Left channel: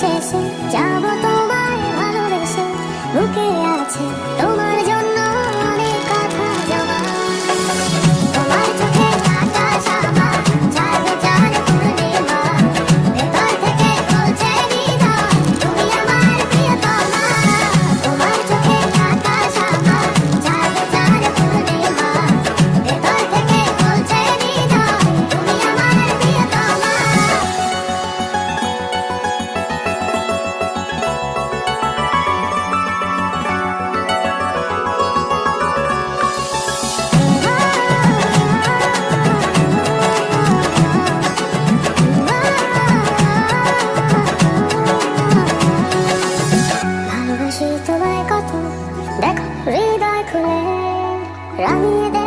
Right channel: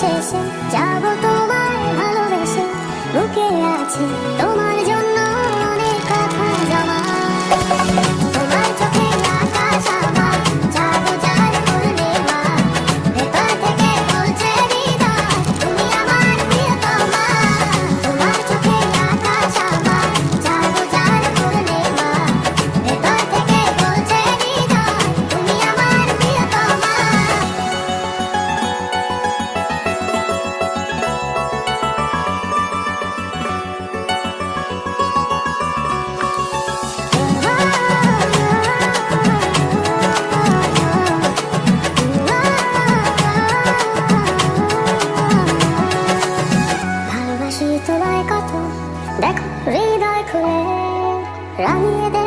শেষে যাব তোমায় ভালোবেসে, বুকে আছে তোমার জন্য অনেক কথা জমা। তোমার চোখে আকাশ আমার, জাগো জান পূর্ণিমা, ভেতর থেকে বলছে হৃদয় তুমি আমার প্রিয়তমা। তোমার চোখে আকাশ আমার, জাগো জান পূর্ণিমা, ভেতর থেকে বলছে হৃদয় তুমি আমার প্রিয়তমা। ভালোবাসি তোমায় কত, দেখো হৃদয় খুলে রাঙিয়ে দে